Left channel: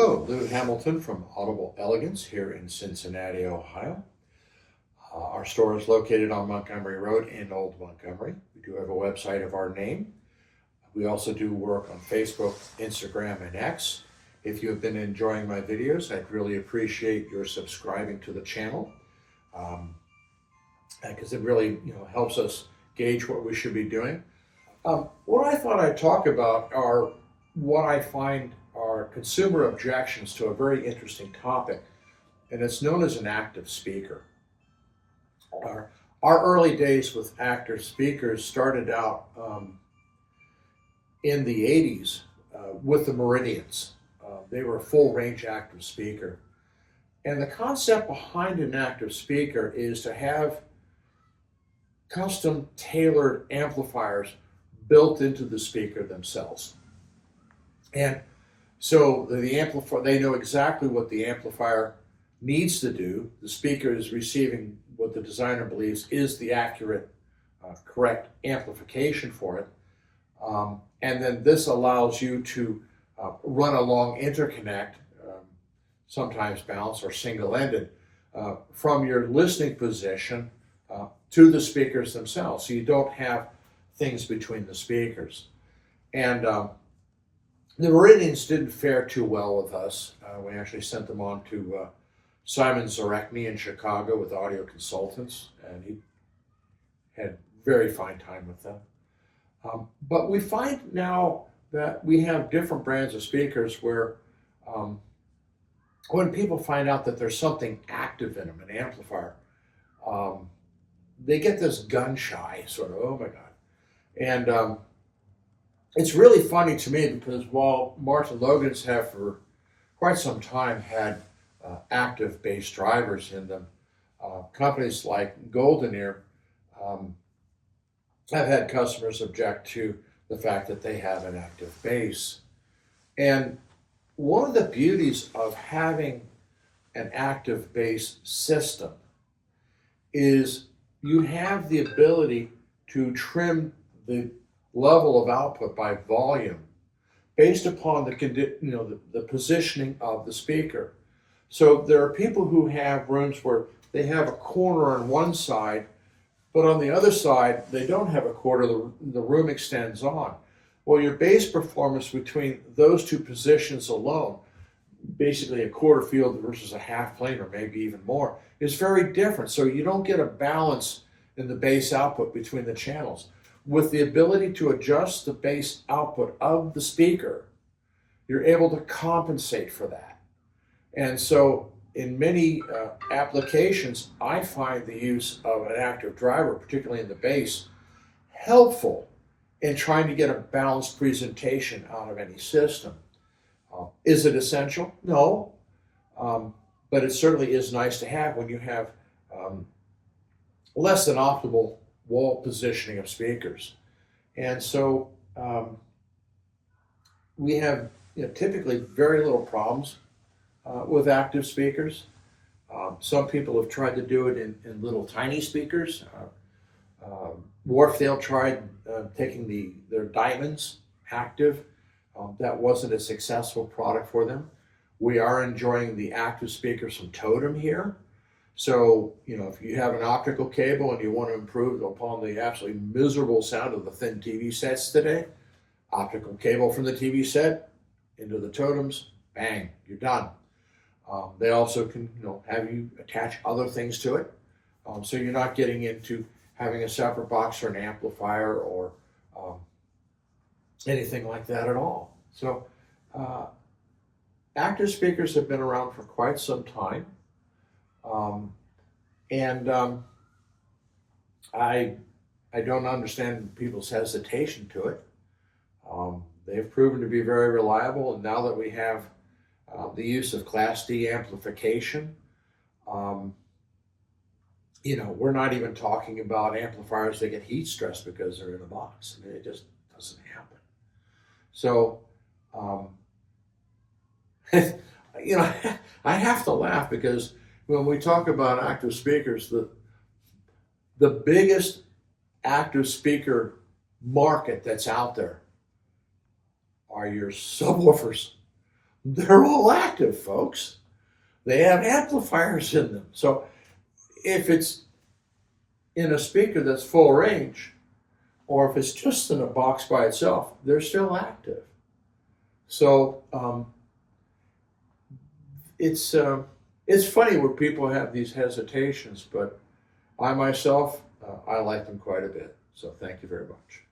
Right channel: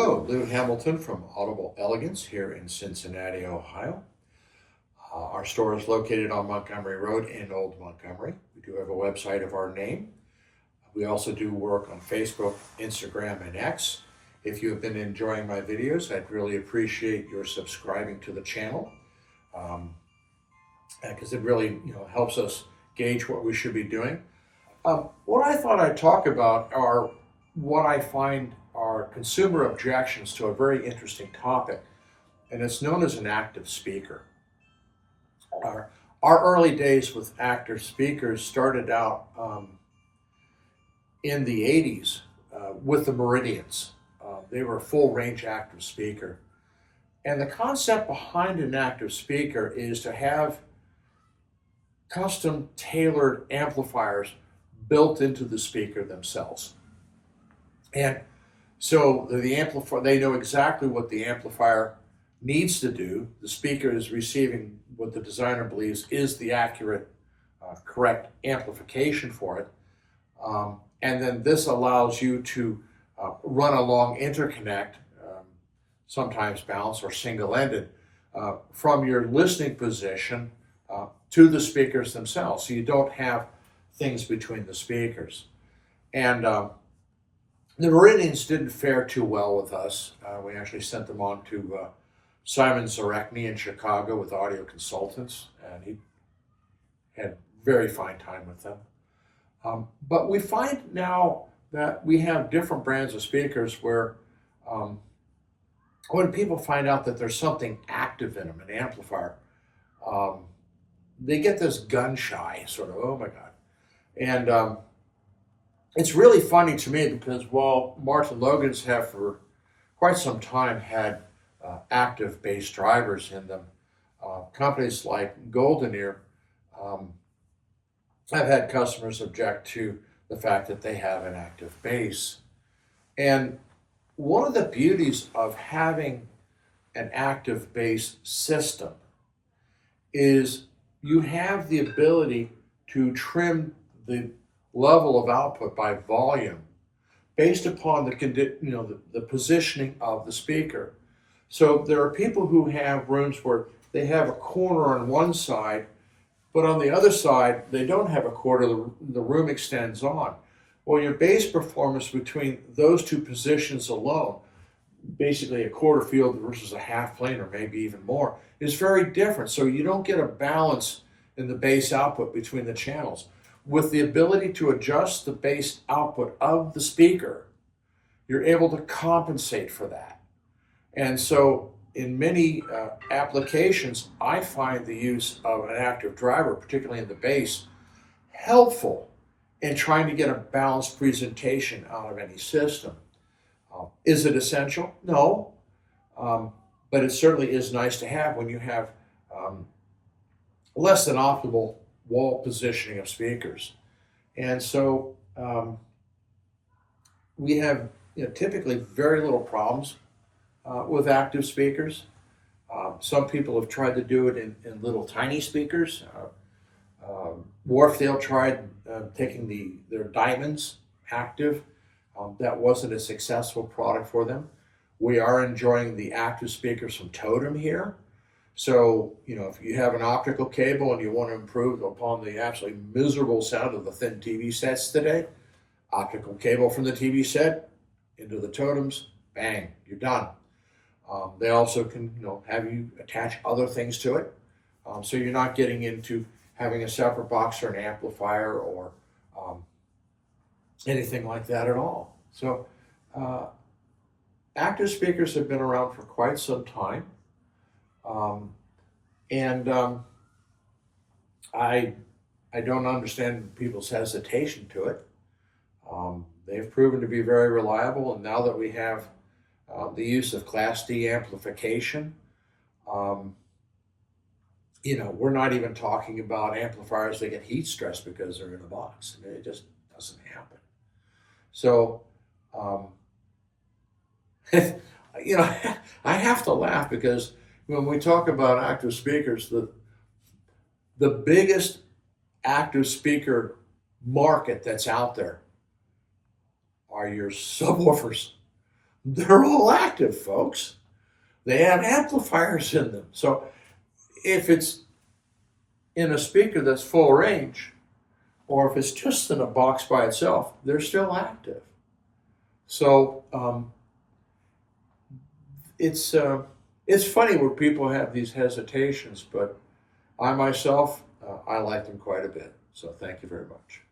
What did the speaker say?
Hello, Lou Hamilton from Audible Elegance here in Cincinnati, Ohio. Our store is located on Montgomery Road in Old Montgomery. We do have a website of our name. We also do work on Facebook, Instagram, and X. If you have been enjoying my videos, I'd really appreciate your subscribing to the channel because it really helps us gauge what we should be doing. What I thought I'd talk about are what I find are consumer objections to a very interesting topic, and it's known as an active speaker. Our early days with active speakers started out in the 80s with the Meridians. They were a full range active speaker. And the concept behind an active speaker is to have custom tailored amplifiers built into the speaker themselves. And so the amplifier, they know exactly what the amplifier needs to do. The speaker is receiving what the designer believes is the accurate, correct amplification for it. And then this allows you to run a long interconnect, sometimes balanced or single-ended, from your listening position to the speakers themselves. So you don't have things between the speakers. And the Meridians didn't fare too well with us. We actually sent them on to Simon Zarekny in Chicago with Audio Consultants, and he had very fine time with them. But we find now that we have different brands of speakers where when people find out that there's something active in them, an amplifier, they get this gun shy sort of, oh my God. And it's really funny to me because while Martin Logans have for quite some time had active bass drivers in them, companies like Golden Ear have had customers object to the fact that they have an active bass. And one of the beauties of having an active bass system is you have the ability to trim the level of output by volume based upon the positioning of the speaker. So there are people who have rooms where they have a corner on one side, but on the other side they don't have a corner, the room extends on. Well, your bass performance between those two positions alone, basically a quarter field versus a half plane or maybe even more, is very different. So you don't get a balance in the bass output between the channels. With the ability to adjust the bass output of the speaker, you're able to compensate for that. And so in many applications, I find the use of an active driver, particularly in the bass, helpful in trying to get a balanced presentation out of any system. Is it essential? No, but it certainly is nice to have when you have less than optimal wall positioning of speakers. And so we have typically very little problems with active speakers. Some people have tried to do it in little tiny speakers. Wharfdale tried taking their Diamonds active. That wasn't a successful product for them. We are enjoying the active speakers from Totem here. So, if you have an optical cable and you want to improve upon the absolutely miserable sound of the thin TV sets today, optical cable from the TV set into the Totems, bang, you're done. They also can, have you attach other things to it. So you're not getting into having a separate box or an amplifier or anything like that at all. So active speakers have been around for quite some time. I don't understand people's hesitation to it. They've proven to be very reliable, and now that we have the use of Class D amplification, we're not even talking about amplifiers that get heat stressed because they're in a box. I mean, it just doesn't happen. So, I have to laugh because when we talk about active speakers, the biggest active speaker market that's out there are your subwoofers. they're all active, folks. They have amplifiers in them. So if it's in a speaker that's full range, or if it's just in a box by itself, they're still active. So it's funny where people have these hesitations, but I myself, I like them quite a bit. So thank you very much.